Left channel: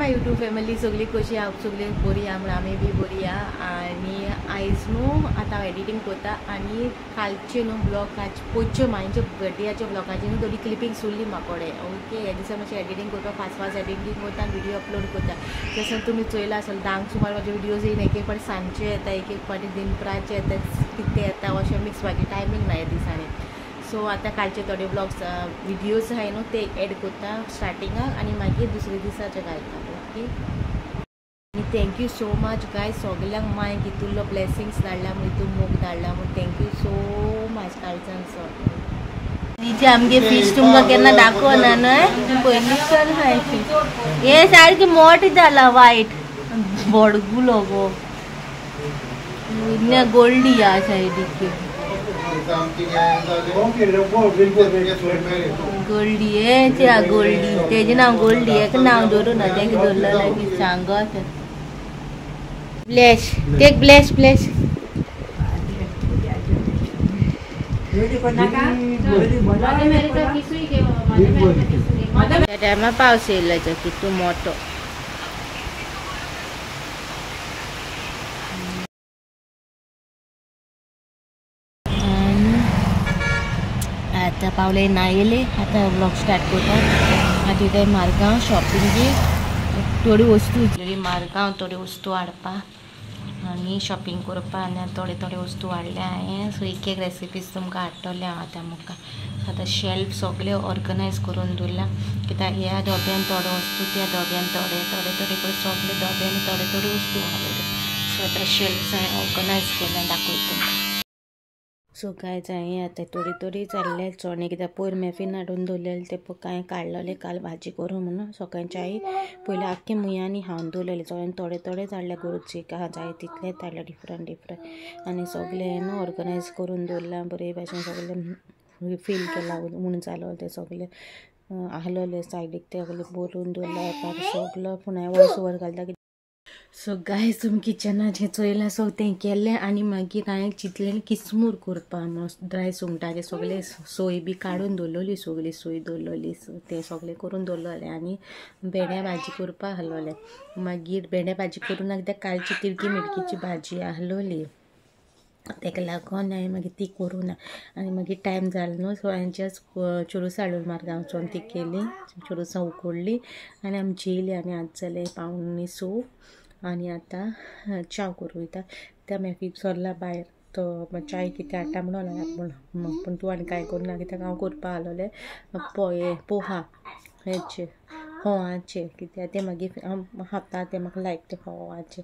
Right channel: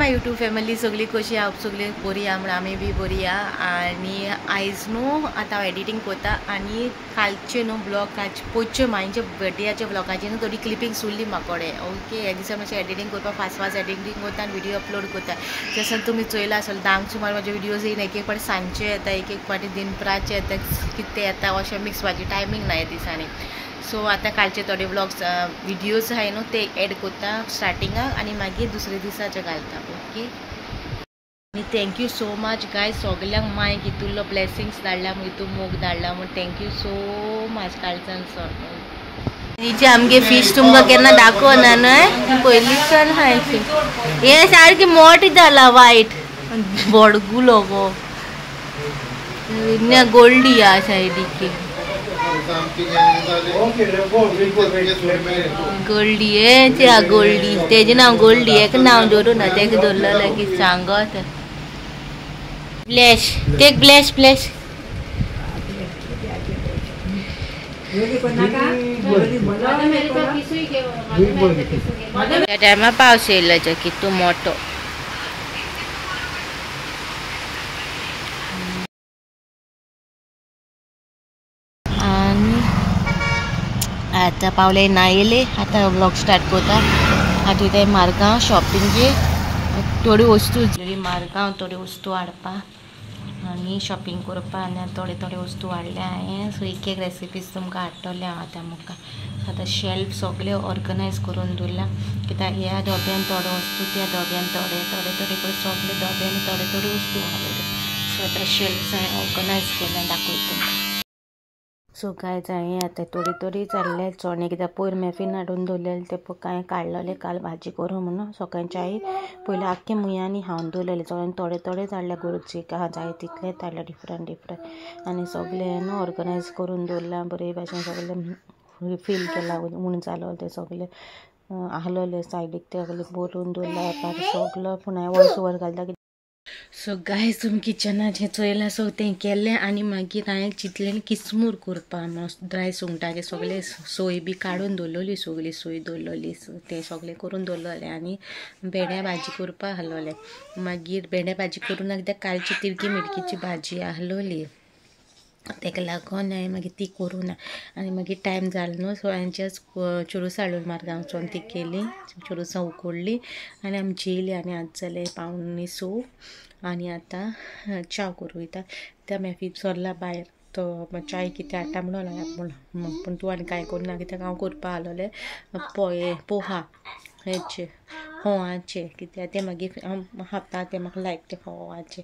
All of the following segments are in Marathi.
माय यूट्यूब फॅमिली सगळी कशी हांव सगळी बरी आहा म्हणून आमी बी बरी आहा आनी आयज न्हू आतां हांव एडिटींग करता आनी कालचे न्हू ब्लॉग पयचे म्हाजे बर्थडेचे ब्लॉगाची न्हू थोडी क्लिपिंग्स उरली म्हाकोडे ओके ह्या दिसा मातशें एडिटींग करपाक फास्ट एडिटींग करता आनी व्हिडिओ अपलोड करता जसं तुमी चोयला आसतलें 10 सुमार म्हाजे व्हिडिओज येयन एक एक फावटी सांजचे येता एक एक फावटी दिनपराचे येता कितें येता अशें मिक्स म्हाजी टायमींग ना ह्या दिसांनी सो आता कालचे थोडे ब्लॉग्स व्हिडिओज आहे न्हू ते एड करता स्टार्टिंगाक आनी मागीर दुसरे दिसाचे घालता ओके आनी थँक्यू सो मच गाय सगल्यांक माय कितुल्लो ब्लेसिंग्स धाडला म्हूण तूं मोग धाडला म्हूण थँक्यू सो मच कालच्यान हिचे आमगे फिश तुमकां केन्ना दाखोवना न्हय पयलीं चल हाय हे सारकी मोठ जाला वायट बडगुलो गो गोल्डी आ सायडीक गोल्डी आहे त्या गोल्डी तेजे नाव गोल्डी एक नाव दवरून ना तेका दवरलें की सांगत ब्लॅश टेक ब्लॅश ब्लॅश त्या टायमार पावस येयलो कितू मोठो आता पावले ना येले आता ब्लॉग स्टार्ट करता आता इथे मारगांव शॉपिंगेक थोडी वस्तू मारगांव थोडी वस्तू हाडपा आनी शॉपिंग करपा आनी थोडे थोडे वस्तू हाडल्या हांवें सो एक एक रेसिपीज तुमकां हाडटलें हांव आतां मुखार आतां शेल्फ सगळे ऑर्गनायज करून दवरला कित्याक ह्या डब्यान थोडे वस्तू त्या डब्यान थोडे थोडे थोडे करून सगळे डब्यान थोडे थोडे वस्तू हाडले सो आतां शेल्फ हांवें ऑर्गनायज केलें दाखयता तुमकां सो काय हांवें आतां थोडी थोडी जाल्ले चणे कित्याक पयर मॅफीन हाडून दवरलेले ते कांय काडलेले काल भाजी करूं म्हणून सकाळच्या आई पयलीं आख्खे मुयांनी हावन दवरलेले सगळ्यांनी थोडे थोडे जाल्ले गरजेक जाय तितले हाडले डिफरंट आनी सगळे न्हू ऑर्गनायज करून दवरला बरे भाशेन सगळे फील केला म्हूण जालो ते सगळे आहलोले सायडीक ते सगळे बरोवन दवरला सगळो पूण हांवें वॉयस ओवर घालता सो गायज तुमी किचनाचें चोयलां सो तें केलें आनी मागीर हांवें चिंतलें किसमूर करपा ड्राय सुंगटाचे सगळे सोय बी काडून दवरलेली सगळी सोय दवरलेली तें सगळें करून दवरलेलें आनी भेंड्या भाजी करपा आहलोलें मागीर भेंड्या भाजी करून कित्याक कालची तिडकी मिडकीची भाजी आहलोली तेका लागून हांवें मागीर ती करूं ना आनी मागीर टायम जालो न्हू सो हांवें जस्ट चुरूस हाडून मारगांवचोन ती केली चुरुसां उकडली आनी आमची येयली आनी आतां जालें 5:45 आनी आतां च्या करूं वयता त्या मॅफी सरला भायर तो चाय कितें हाडटा म्हणून पूण तूं आनी कांय करना कित्याक हांव करपा आहलोलें पोहा हेचे फोवाचे कित्याक ते मागीर हांव खाता ते म्हाका लायक ते फोवाचे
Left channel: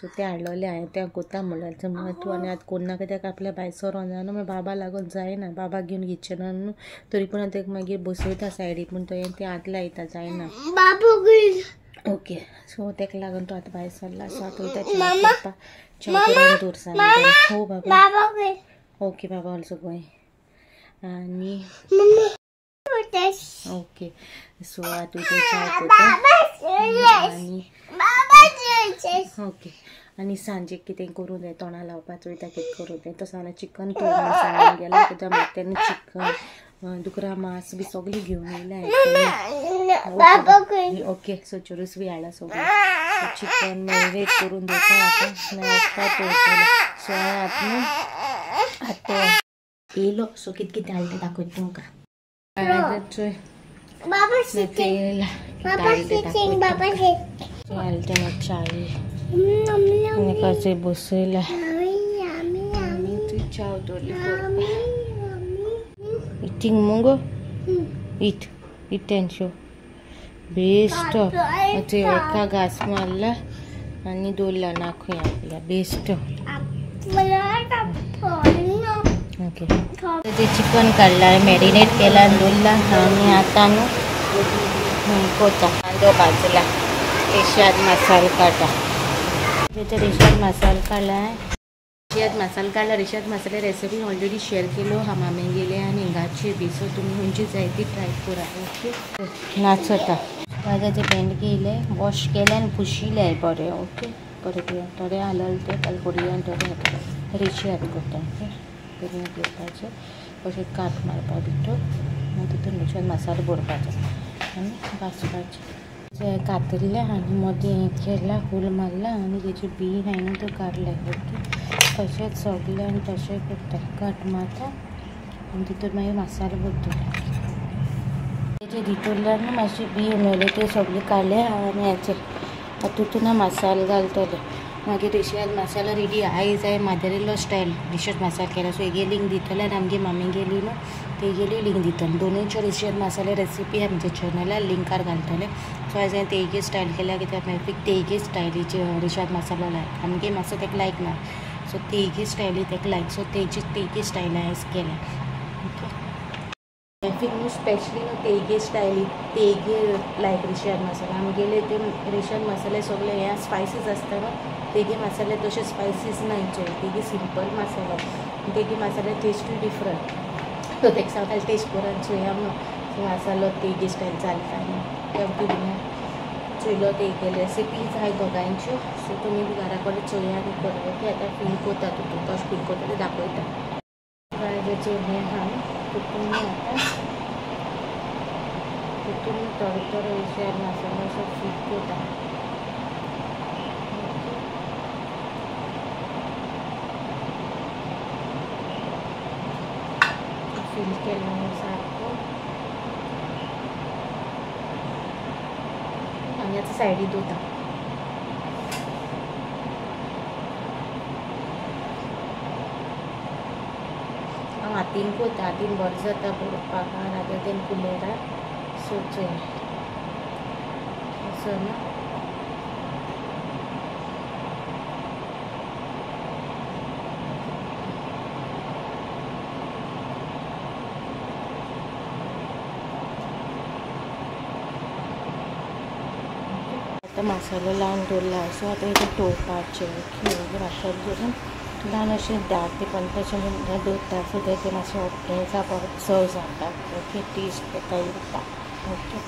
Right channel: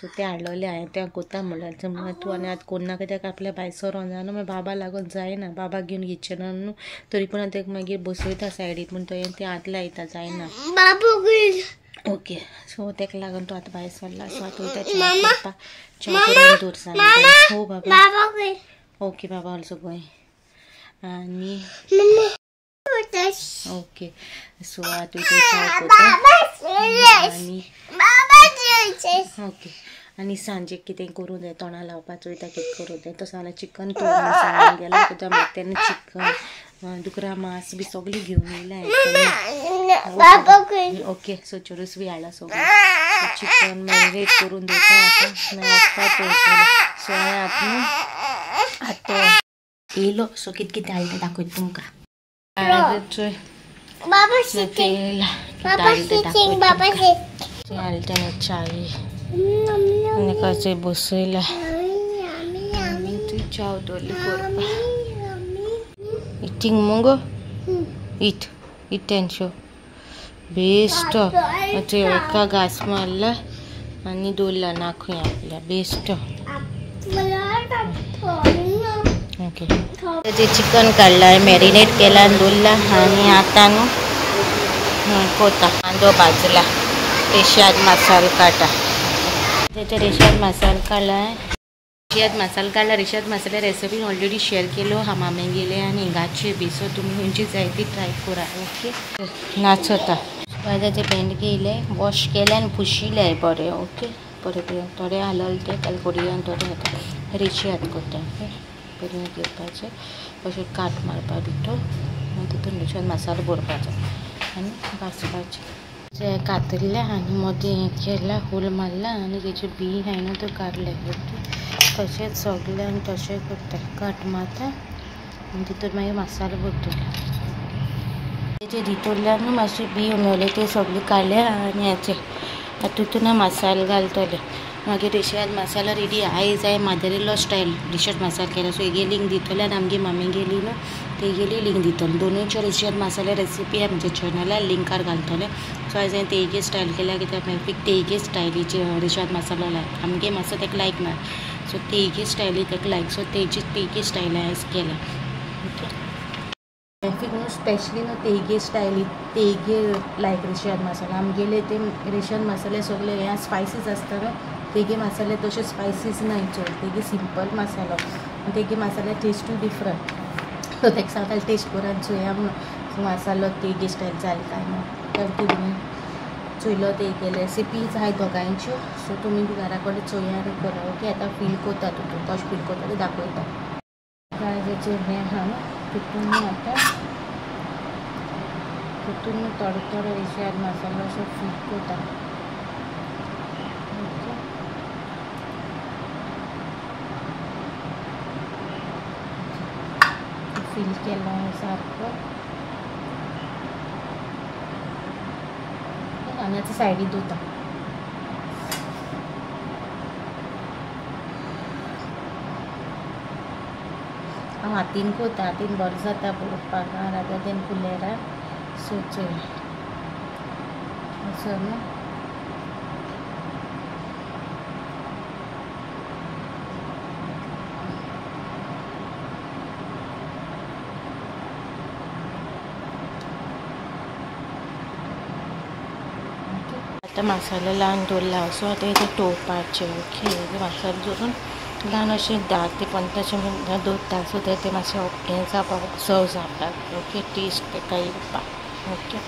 सो ते हाडलोले हांवें तें कोता म्हणल्यार तूं आनी आतां करना कित्याक आपल्या भायर सरोन जायना मागीर बाबा लागून जायना बाबा घेवन किचनान न्हू तरी पूण हांव तेका मागीर बसयता सायडीक पूण तो हात लायता जायना ओके सो तेका लागून तूं आतां भायर सरला सो आतां वयता च्या करपा च्या करून दवरसा हो बाबा ओके बाबा ऑल्सो गोंय आनी ओके सो आतां च्या करता आनी ओके आनी सांजेक कितें करूं जाय तोंडां लावपाचो वयता कितें करूं जाय तसो जाल्यार चिकन सांगून गेला कित्याक मागीर तेन्ना चिकन दुकरा मांस बी सगळीं घेवन येयल्या ओके सो चुरूस बी हाडला सगळें चिकन मॅरिनेट करून दवरता आतां वचपाक दवरतलें सो हांवें आतां येयलो सो कितें कितें हाडलें तें दाखयता तुमकां हाडलें चावी कशें बसयला चाव दवरली करपा eating Mungo it show best ते एका घास मारला आनी दवरला नाखूय आपल्या बेस्ट ओके ते चिकन काडला मॅरिनेट केला आनी दवरला आनी आतां न्हू कोता कांदो भाजला रेशाद मसाला काटा त्याचे रेशाद मसाला काडला रेशाद मसाला रेसिपी ऑलरेडी शेअर केलो हमामे गेले आनी हिंगाचे बी सो तुमी खंयची जाय ती ट्राय करा ओके नाचता भाज्याचे भेंडे घेयले वॉश केले आनी पुशिले बरें ओके बरें थोडे हालल ते कालकोडी आनी थोडे रेशाद करता ओके बरें घेवपाचें अशें काट मारपा भितर तितून रेशाद मसालो भरपाचो आनी भाजपाचें जे कातरले आनी मदीं हें केला होल मारला आनी तेजे बी हाय न्हू त्यो काडले. ओके तशेंच सगलें आनी तशें करता कट मारता आनी तितून मागीर मसालो भरतले. तेजे भितरल्यान न्हू मातशे बी उमळले ते सगळे काडले आनी हेचे तातूंत मसालो घालतले. मागीर रेशाद मसालो रेडी आयज हांवें मदर इन लॉ स्टायल रेशाद मसालो केला. सो हेगे लिंक दितले आनी आमगे मम्मी गेली न्हू तेगेली लिंक दितले. दोनूयच्यो रेशाद मसाले रेसिपी आमच्या चॅनलार लिंकार घालतले. सो आयज हांवें तेगे स्टायल केल्या कित्याक मेफीक तेगे स्टायलीचे रेशाद मसालो लायक आमगे मातसो तेका लायक ना. सो तेगे स्टायली तेका लायक. सो तेगे स्टायल आयज केल्या. ओके मेफीक न्हू स्पेशली न्हू तेगे स्टायली तेगे लायक रेशाद मसाला. आमगेले ते रेशाद मसाले सगळे हे स्पायसीस आसता न्हू तेगे मसाले तशे स्पायसीस नाय चड. तेगे सिंपल मसालो तेगे मसाले टेस्टूय डिफरंट. सो तेका सांगताले टेस्ट करून चोया म्हणून मसालो तेगे स्टायल चलता न्हू तुमी चोयलो तेगे रेसिपीज आहाय दोगांयच्यो. सो तुमी बी घरा कडेन चोया आनी करा. ओके आतां फील कोता तितून कशें फील कोता तें दाखयता. गाजराचें हें आहा तितून आतां तितून थोडो थोडो रेशाद मसालो असो फील कोता. फील केला सारको आनी आतां सायडीक दवरता. हांव हातीन कोता हातीन बरो जाता बरोवपाक रादर देन कुलेरा. सो चोय असो न्हू आतां मसालो लावन दवरला. सो आतां हेजें तोवपाचें. ओके हेजें मसालो दवरून ल्हान अशें 10 ते 15 मिनटां दवरता. सो तें मातशें हें जावपाक सर्व जावपाक. ओके टेस्ट तेका येवपाक. ओके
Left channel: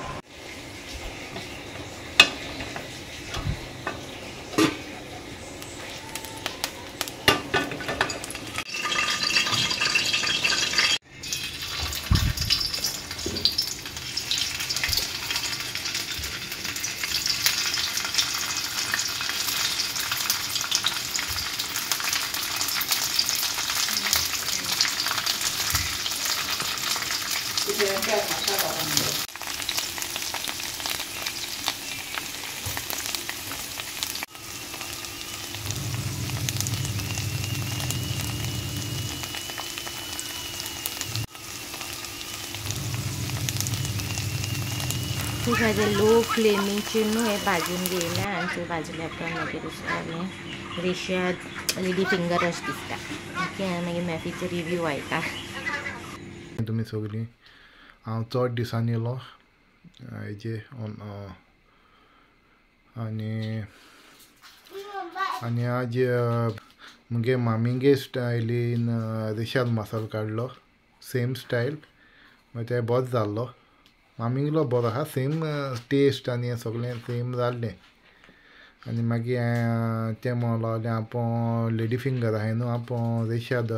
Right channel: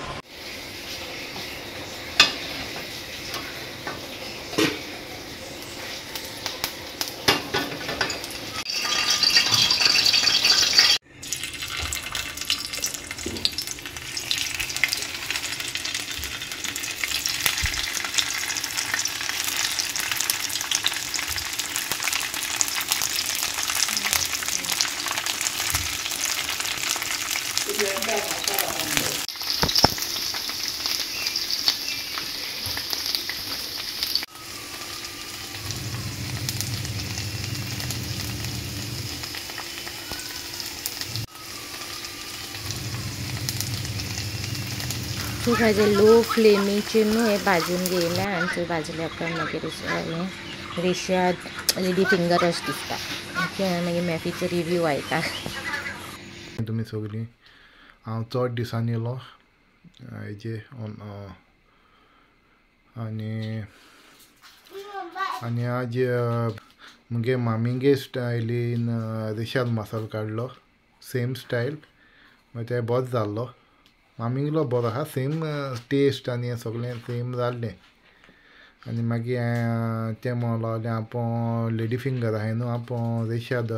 सो ताजे लो फ्लेमीचेर न्हू हें भाजून घेयला आनी थंय भाजल्या उपरांत मागीर हें रेशाद लेडी फिंगर अशें दिसता. ओके मागीर मॅफीचो रिव्यू आयता. तुमी सगळीं हांव चड दिसांनी येयलो हेजे आनी आज मुगे मामींगे स्टायलीन रेशाद मसालो काडलो सेम स्टायल मागीर तें बरो जाल्लो. मामींगलो बरो आहा सेम टेस्ट आनी हें सगळें सेम जाल्लें. आनी मागीर हांवें तें म्हणूंक लागलें आपूण लेडी फिंगर आहाय न्हू आपूण रेशाद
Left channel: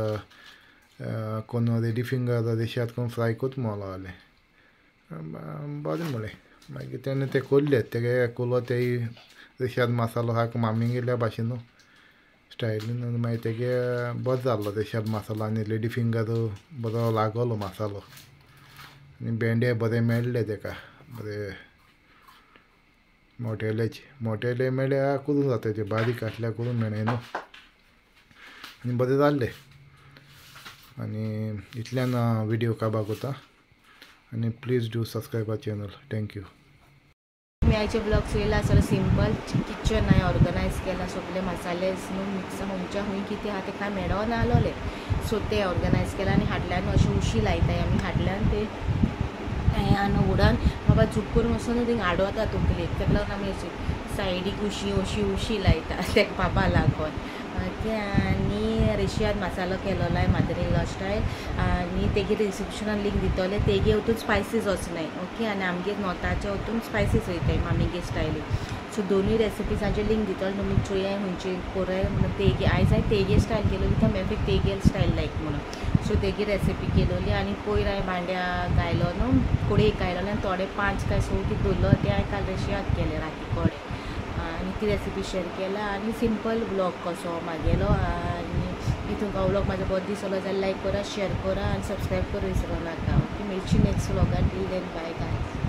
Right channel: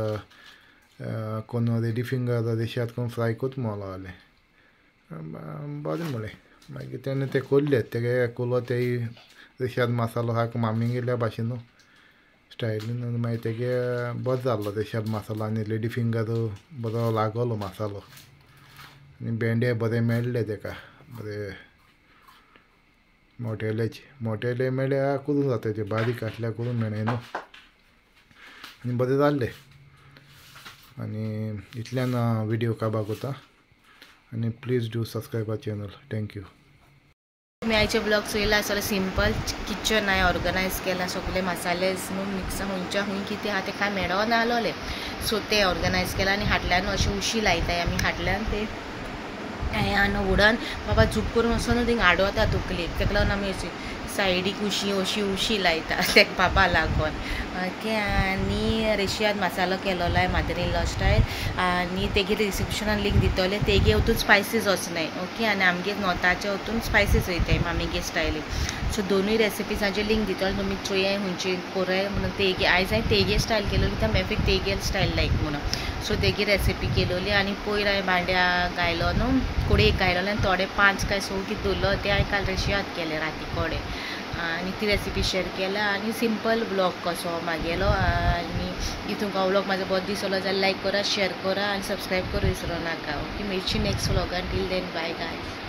कोण लेडी फिंगर रेशाद कोन्न फ्राय कोत म्हणूंक लागलें. बरें म्हणलें. मागीर तेणें तें कोल्लें तेगे कोलो तेय रेशाद मसालो आहा मामींगेल्या भाशेन न्हू स्टायलीन मागीर तेगे बरो जाल्लो रेशाद मसालो आनी लेडी फिंगर बरो लागलो मसालो आनी भेंडे बरें मेळ्ळे तेका बरें मोटेले मेळ्ळ्या करून जाता ते बारीक आसल्यार करून मेळ्ळे न्हू आनी बरें जाल्लें. आनी इतल्यान विडियो काबार कोता आनी please do subscribe our channel. Thank you. तुमी आयचे ब्लॉग चोयला सगळें सिंपल किचन हांवें ऑर्गनायज केला. सगळे मसालेज न्हू मिक्स खंयच्या खंय कितें आहा तें कांय मेळो ना आसलोलें. सो तें ऑर्गनायज केलां आनी हाटल्यान अशें उशी लायताय आमी हाटल्यान ते हें आनी उडोन बाबा झूप करून वचून न्हू थिंग आडवता तकलेक तेका लागून आमी अशी सायडीक उशी लायता तेका बाबा लागोन. ओके आनी रेशाद मसालो केलोलो हांवें मदर इन लॉ स्टायल आनी तेगे डिस्क्रिप्शनान लिंक दितले. तेगे वतून स्पायसीस वचनाय. ओके आनी आमगे नॉर्थाचे वतून स्पायसीस वयताय मामीगे स्टायलीक. सो दोनूय रेसिपीजांचे लिंक दितलो तुमी चोया खंयची पळय म्हणून तेगे आयज हांवें तेगे स्टायल केलेली त्या मेफीक तेगे स्टायल लायक म्हणून सो तेगी रेसिपी केलेली आनी पयर हांवें भांड्या गायलो न्हू कडेक गायलो आनी थोडे 5 काय 6 कितें दवरलो ते हांवें काल रेशियात केले राती कोडे आनी ती रेसिपी शेअर केला आनी सिंपल ब्लॉग कसो म्हागेलो आनी तुमकां व्लॉग म्हाजो बहुत दिसलो जाल्यार लायक करा शेअर करा आनी सबस्क्रायब करूं विसरूं नाका ओके मेळची नेक्स्ट व्लॉगान टील देन बाय गाय